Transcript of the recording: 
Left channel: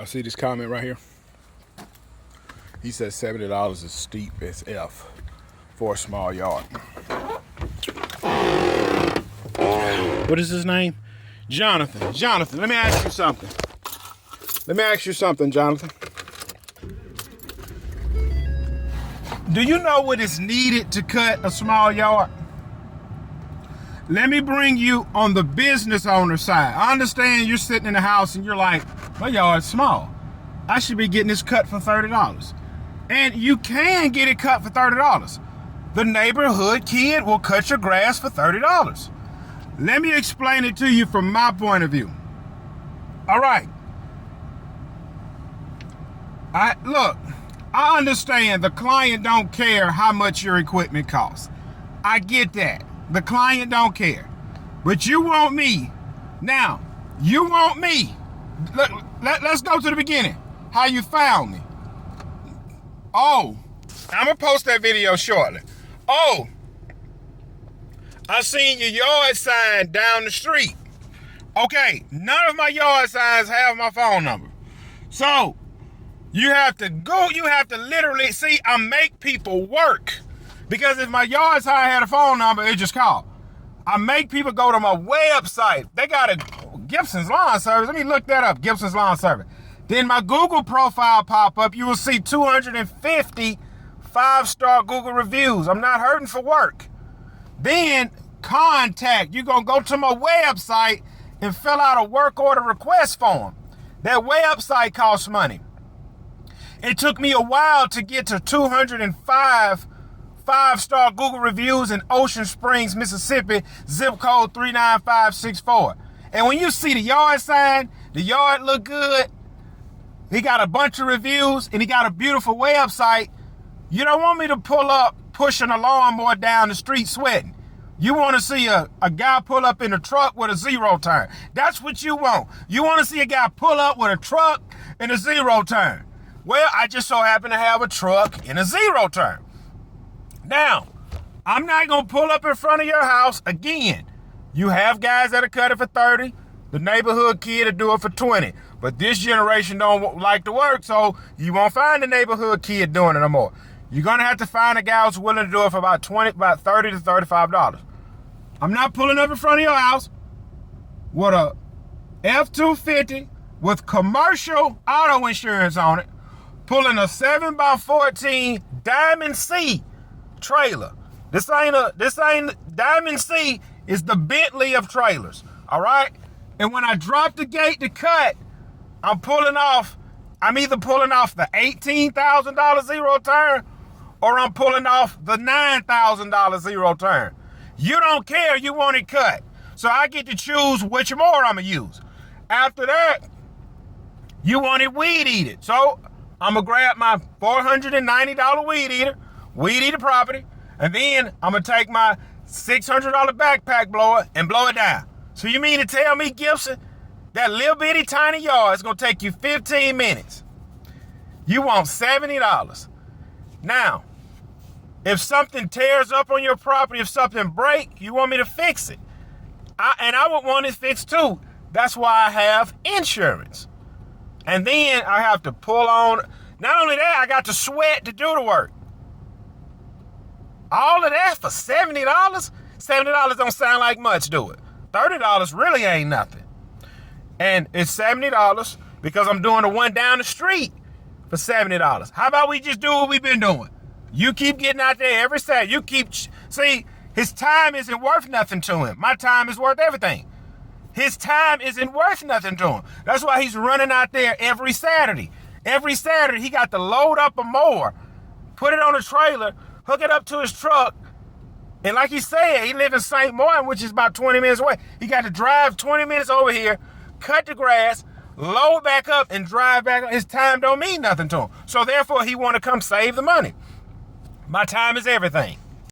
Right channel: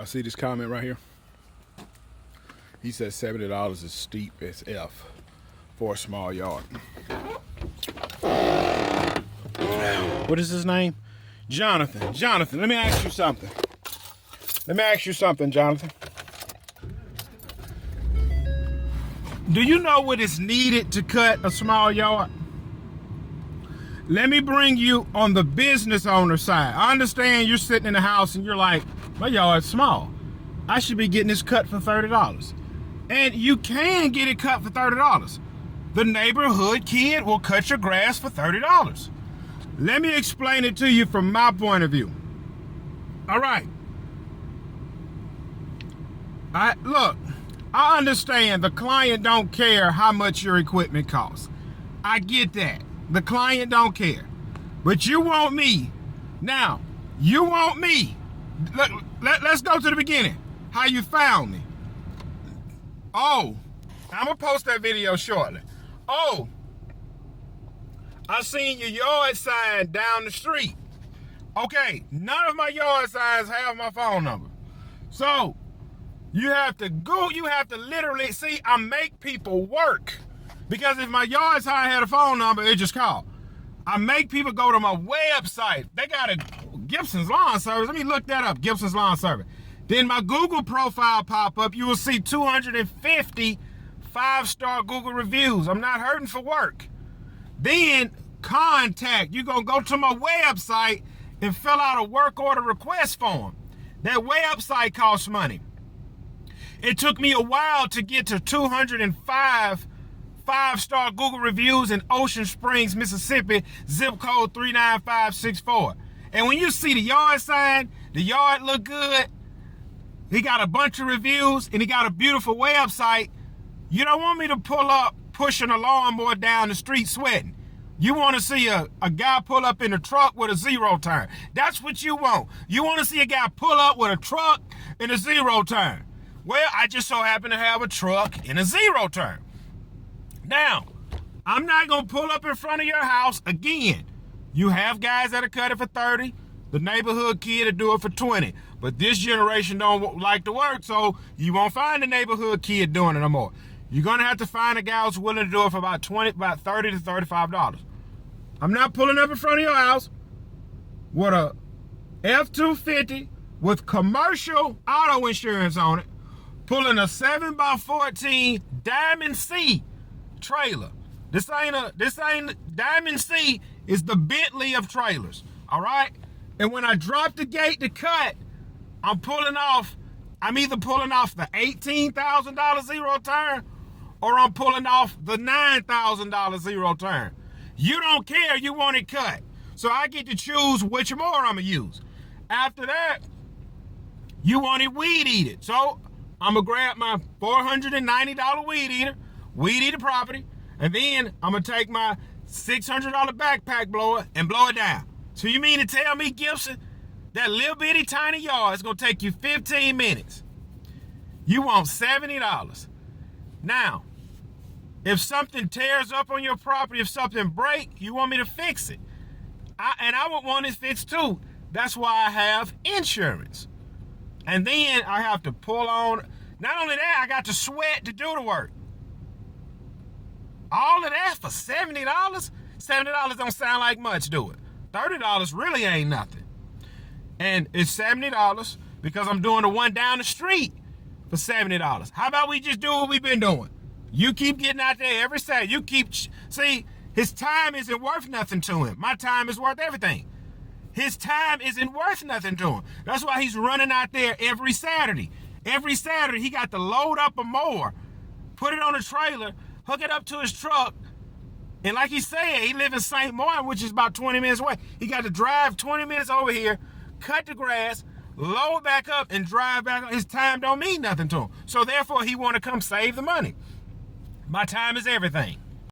Y'all see this comment right here? He says $70 is steep as F for a small yard. What is his name? Jonathan. Jonathan, let me ask you something. Jonathan. Do you know what is needed to cut a small yard? Let me bring you on the business owner side. I understand you're sitting in the house and you're like, my yard's small. I should be getting this cut for $30. And you can get it cut for $30. The neighborhood kid will cut your grass for $30. Let me explain it to you from my point of view. All right. Look, I understand the client don't care how much your equipment costs. I get that. The client don't care. But you want me. Now, you want me. Let's go to the beginning. How you found me. Oh, I'm going to post that video shortly. Oh, I seen your yard sign down the street. Okay, none of my yard signs have my phone number. So, you have to literally, see, I make people work. Because if my yard sign had a phone number, it just call. I make people go to my website. They got a Gibson's Lawn Service. Let me look that up, Gibson's Lawn Service. Then my Google profile pop up. You will see 250 5-star Google reviews. I'm not hurting for work. Then contact. You're going to go to my website and fill out a work order request form. That website costs money. It took me a while to get to 205 5-star Google reviews in Ocean Springs, Mississippi, zip code 39564. And when you see the yard sign, the yard look good, he got a bunch of reviews, and he got a beautiful website, you don't want me to pull up pushing a lawnmower down the street sweating. You want to see a guy pull up in a truck with a zero turn. That's what you want. You want to see a guy pull up with a truck and a zero turn. Well, I just so happen to have a truck and a zero turn. Now, I'm not going to pull up in front of your house again. You have guys that'll cut it for 30. The neighborhood kid will do it for 20. But this generation don't like to work, so you won't find the neighborhood kid doing it no more. You're going to have to find a guy who's willing to do it for about $30 to $35. I'm not pulling up in front of your house with a F-250 with commercial auto insurance on it, pulling a 7x14 Diamond C trailer. This ain't Diamond C is the Bentley of trailers. All right. And when I drop the gate to cut, I'm either pulling off the $18,000 zero turn, or I'm pulling off the $9,000 zero turn. You don't care. You want it cut. So I get to choose which more I'm going to use. After that, you want it weed eated. So I'm going to grab my $490 weed eater property, and then I'm going to take my $600 backpack blower and blow it down. So you mean to tell me, Gibson, that little bitty tiny yard is going to take you 15 minutes? You want $70. Now, if something tears up on your property, if something breaks, you want me to fix it. I would want it fixed too. That's why I have insurance. And then I have to pull on. Not only that, I got to sweat to do the work. All of that for $70? $70 don't sound like much, do it? $30 really ain't nothing. And it's $70 because I'm doing the one down the street for $70. How about we just do what we've been doing? You keep getting out there every Saturday. See, his time isn't worth nothing to him. My time is worth everything. His time isn't worth nothing to him. That's why he's running out there every Saturday. Every Saturday, he got to load up a mower, put it on a trailer, hook it up to his truck. And like he said, he lives in St. Martin, which is about 20 minutes away. He got to drive 20 minutes over here, cut the grass, load back up, and drive back. His time don't mean nothing to him. So therefore, he want to come save the money. My time is everything.